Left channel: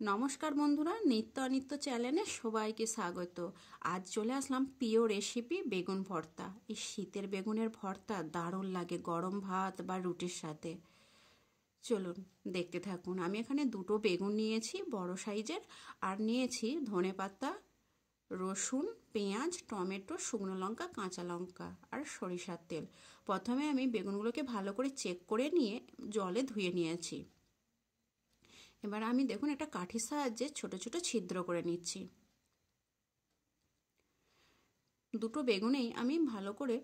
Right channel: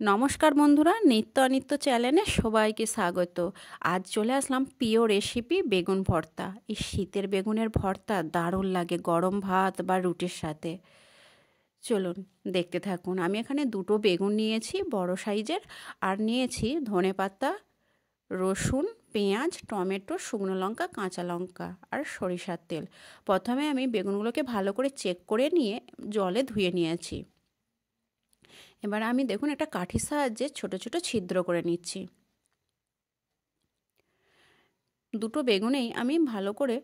নমস্কার বন্ধুরা, নিত্য অনিত্য চ্যানেলে সবাইকে স্বাগত। আজ চলে আসলাম প্রিয় রেসিপি বেগুন ভর্তা। এই শীতের বেগুনের ভর্তা দারুণ লাগে গরম ভাত বা রুটির সাথে। চলুন দেখতে থাকুন। আমি এখানে দুটো বেগুন নিয়েছি বড় সাইজের, আর নিয়েছি ধনেপাতা, রসুন, পেঁয়াজ, টমেটো, শুকনো লঙ্কা, কাঁচা লঙ্কা আর সরিষার তেল। প্রথমে আমি বেগুনগুলোকে ভালো করে চেক করে নিয়ে জলে ধুয়ে নিয়েছি। এবার আমি দেখুন একটা কাঠির সাহায্যে ছোট ছোট ছিদ্র করে নিচ্ছি। দুটো বেগুনেই আমি ভালো করে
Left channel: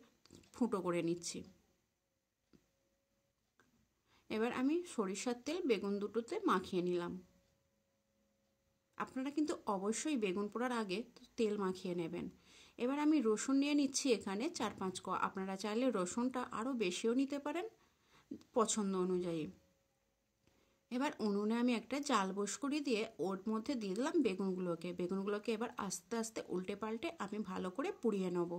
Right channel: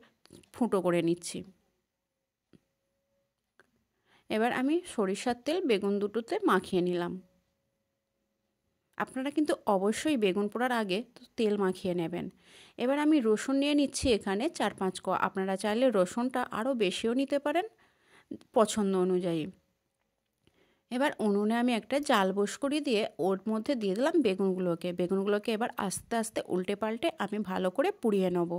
ফুটো করে নিচ্ছি। এবার আমি সরিষার তেল বেগুন দুটোতে মাখিয়ে নিলাম। আপনারা কিন্তু অবশ্যই বেগুন পোড়ার আগে তেল মাখিয়ে নেবেন। এবার আমি রসুন নিয়ে নিচ্ছি এখানে 4-5 কোয়া। আপনারা চাইলে রসুনটা আরও বেশিও নিতে পারেন পছন্দ অনুযায়ী। এবার উনুনে আমি একটা জাল বস করে দিয়ে ওর মধ্যে দিয়ে দিলাম বেগুনগুলোকে এবার আস্তে আস্তে উল্টে পাল্টে আমি ভালো করে পুড়িয়ে নেব।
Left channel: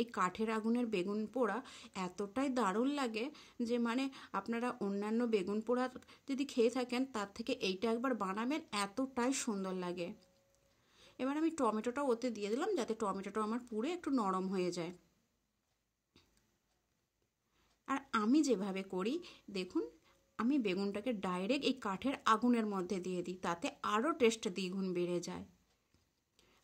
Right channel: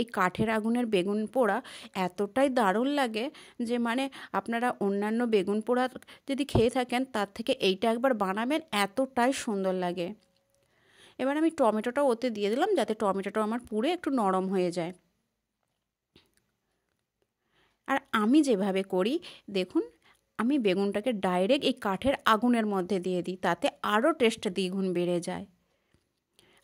এই কাঠের আগুনের বেগুন পোড়া এতটাই দারুণ লাগে যে আপনারা অন্যান্য বেগুন পোড়া যদি খেয়ে থাকেন তার থেকে এইটা একবার বানাবেন, এতটাই সুন্দর লাগে। এবার আমি টমেটোটা ওতে দিয়ে দিলাম যাতে টমেটোটা আমার পুড়ে একটু নরম হয়ে যায়। আর আমি যেভাবে করি দেখুন, আমি বেগুনটাকে ডাইরেক্ট এই কাঠের আগুনের মধ্যে দিয়ে দিই, তাতে আরও টেস্ট দ্বিগুণ বেড়ে যায়।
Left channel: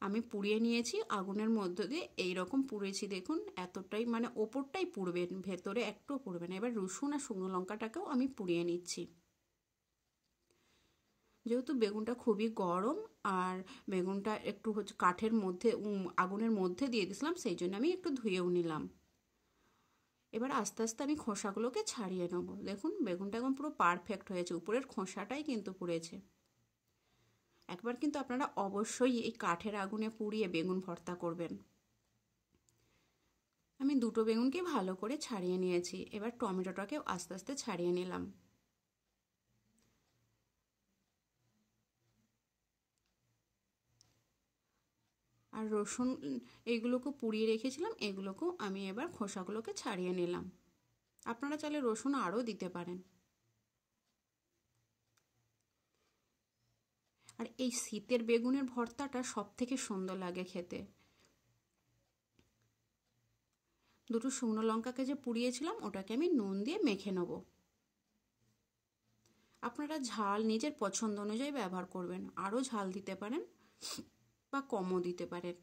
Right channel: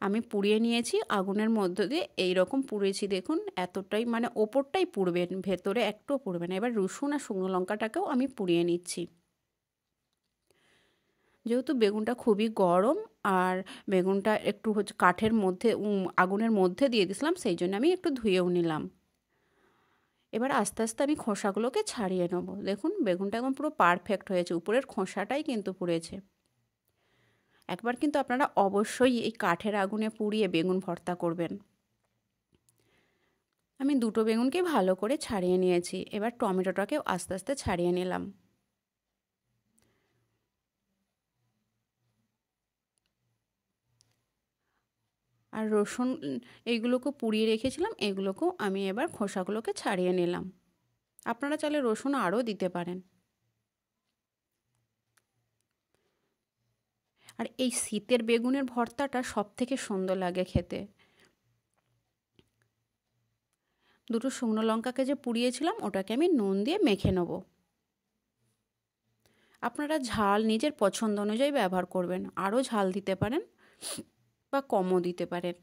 আমি পুড়িয়ে নিয়েছি আগুনের মধ্য দিয়ে, এই রকম পুড়েছি দেখুন, এতটাই ওপরটাই পুড়বেন, ভেতরে একটুও পুড়বে না। এবার রসুন আর শুকনো লঙ্কাটাকেও আমি পুড়িয়ে নিচ্ছি। যেহেতু বেগুনটা খুবই গরম আর বেগুনটা একটু কাঠের মধ্যে আগুনের মধ্যে দিয়ে দিয়েছিলাম, সেই জন্য আমি একটু ধুয়েও নিলাম। এবার আস্তে আস্তে আমি খোসাগুলোকে ছাড়িয়ে নেবো। দেখুন বেগুনটা এখন পুরো পারফেক্ট হয়েছে, উপরের খোসাটাই কিন্তু পুড়েছে। একবার কিন্তু আপনারা অবশ্যই এই কাঠের আগুনে পুড়িয়ে বেগুন ভর্তা করবেন। আমি দুটো বেগুনকে ভালো করে ছাড়িয়ে নিয়েছি। এবার টমেটোটাকেও আস্তে আস্তে ছাড়িয়ে নিলাম। আর রসুন এইগুলোকে পুড়িয়ে রেখেছিলাম, এগুলোকেও আমি এবার খোসাগুলোকে ছাড়িয়ে নিলাম। আপনারা চাইলে রসুন আরও দিতে পারেন। আর এই শীতের বেগুনের ভর্তাটা সবথেকে সুন্দর লাগে খেতে। দুটো শুকনো লঙ্কাকে যে পুড়িয়েছিলাম ওটাকে আমি নুন দিয়ে মেখে নেব। আপনারা ঝাল নিজের পছন্দ অনুযায়ী ব্যবহার করবেন, আরও ঝাল দিতে পারেন বা কমও দিতে পারেন।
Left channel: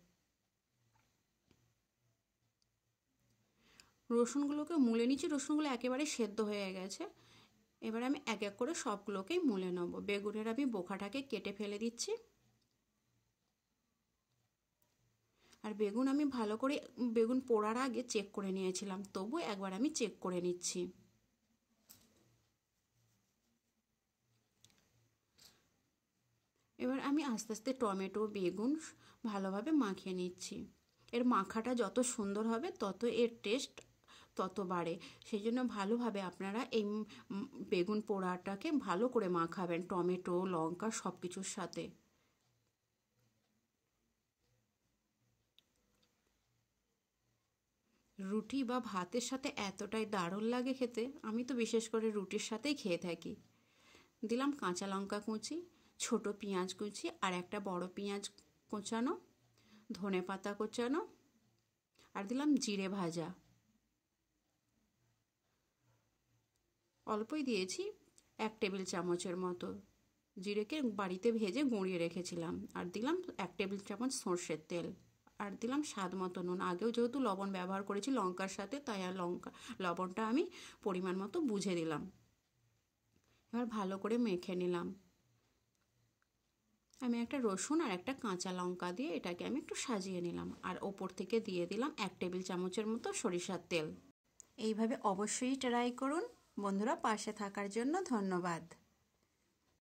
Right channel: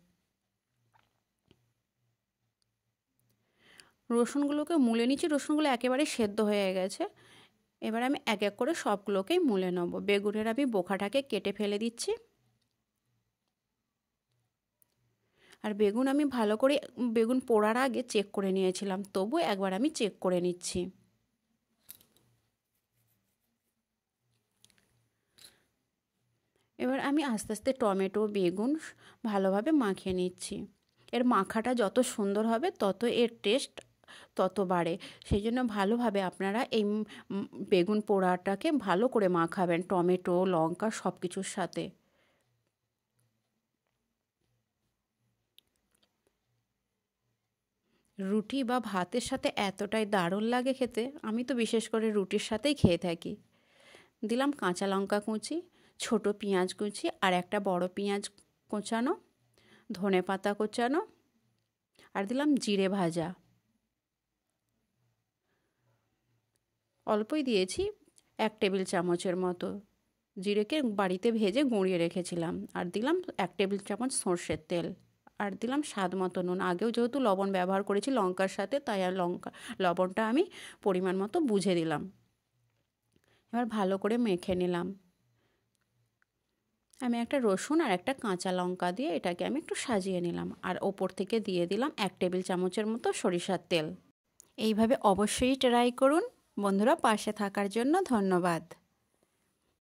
রসুনগুলোকে মুলে নিচ্ছি, রসুনগুলো একেবারে সেদ্ধ হয়ে গেছে। এবার আমি এক এক করে সবগুলোকেই মুলে নেব। বেগুনের আমি বোখাটাকে কেটে ফেলে দিচ্ছি। আর বেগুন আমি ভালো করে বেগুন পোড়ার আগে চেক করে নিয়েছিলাম, তবু একবার আমি চেক করে নিচ্ছি। এবার আমি আস্তে আস্তে টমেটো বেগুন ভালোভাবে মাখিয়ে নিচ্ছি। এর মাখাটা যত সুন্দর হবে তত এর টেস্ট তত বাড়ে। সেই জন্য ভালোভাবে আপনারা এই বেগুন পোড়াটাকে ভালো করে মাখাবেন টমেটো লঙ্কা সব কিছুর সাথে। রুটি বা ভাতের সাথে এতটাই দারুণ লাগে খেতে, আমি তো বিশেষ করে রুটির সাথেই খেয়ে থাকি। দিলাম কাঁচা লঙ্কা কুচি, ছোট পেঁয়াজ কুচি আর একটা বড় পেঁয়াজ কোচানো, ধনেপাতা কোচানো, আর দিলাম জিরে ভাজা। অল্পই দিয়েছি, 1 টেবিল চামচের মতো। জিরেকে বাড়িতে ভেজে গুঁড়িয়ে রেখেছিলাম। আর দিলাম 1 টেবিল চামচ সর্ষের তেল। আর দিলাম স্বাদ মতো নুন। আগেও যেহেতু লবণ ব্যবহার করেছি লঙ্কার সাথে, তাই আর লবণটা আমি পরিমাণ মতো বুঝে দিলাম। এবার ভালো করে মেখে নিলাম। আমি একটা রসুন আর একটা কাঁচা লঙ্কা দিয়ে এটাকে আমি একটু সাজিয়ে নিলাম। আর ওপর থেকে দিয়ে দিলাম 1 টেবিল চামচের মতো সরিষার তেল। এইভাবে অবশ্যই ট্রাই করুন। বন্ধুরা, পাশে থাকার জন্য ধন্যবাদ।